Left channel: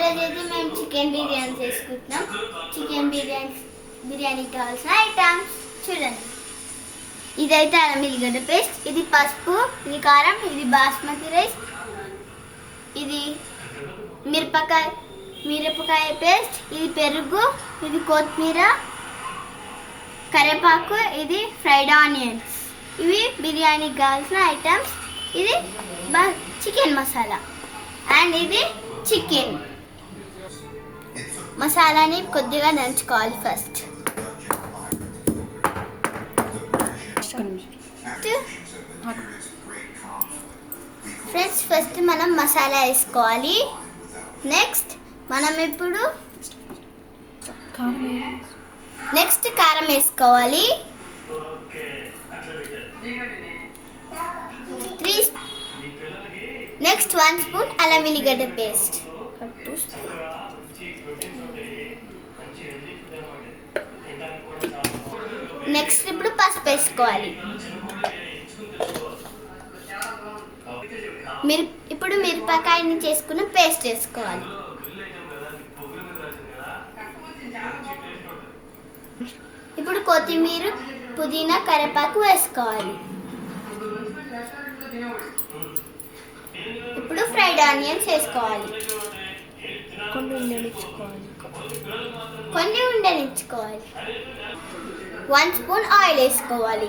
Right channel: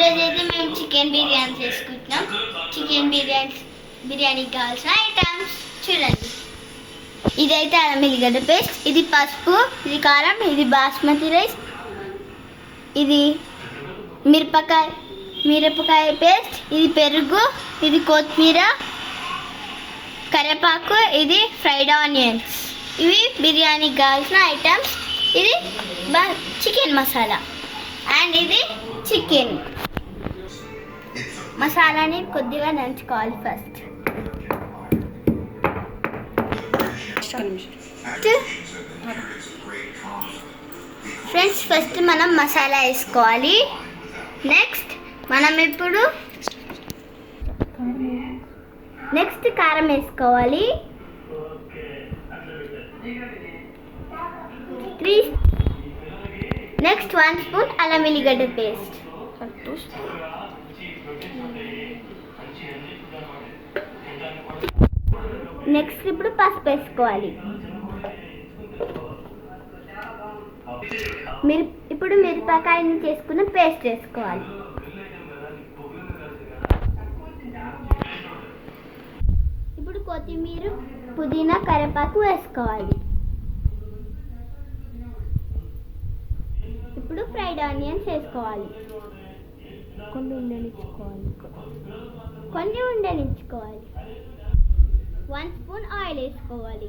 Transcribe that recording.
ఈరోజు అయితే మేము చికెన్ బిర్యానీ చేసుకుంటున్నాం. చికెన్ బిర్యానీకి కావాల్సిన ఐటమ్స్ చూడండి. ఇదైతే అల్లం ఎల్లిగడ్డ పేస్ట్, ఇది పసుపు, ఇది కారం, ఇది బాస్మతి రైస్, ఇది మిరపకాయ పేస్ట్, ఇది పెరుగు, ఇది కొత్తిమీర, కరివేపాకు, ఇది ఫ్రైడ్ ఆనియన్స్. ఇవి బిర్యానీకి కావాల్సిన ఐటమ్స్. ఇది చికెన్ మసాలా అండ్ ఇది చికెన్ మసాలాని కొద్దిగా దంచుకోవాలి. ఫస్ట్ మనం మసాలా వేసుకోవాలి. నెక్స్ట్ కారం వేసుకోవాలి. నెక్స్ట్ 1 స్పూన్ అల్లం వెల్లిగడ్డ పేస్ట్. నెక్స్ట్ ఇప్పుడు పసుపు వేసుకోవాలి. ఇప్పుడు మిరపకాయని చేసుకున్న పేస్ట్ వేసుకోవాలి. ఇప్పుడు కొత్తిమీర, పుదీనా, కరివేపాకు వేసుకోవాలి. ఇప్పుడు ఫ్రైడ్ ఆనియన్స్ వేసుకోవాలి. కొన్ని ఉండనిచ్చుకోవాలి. 1 స్పూన్ ఆయిల్ వేసుకోవాలి.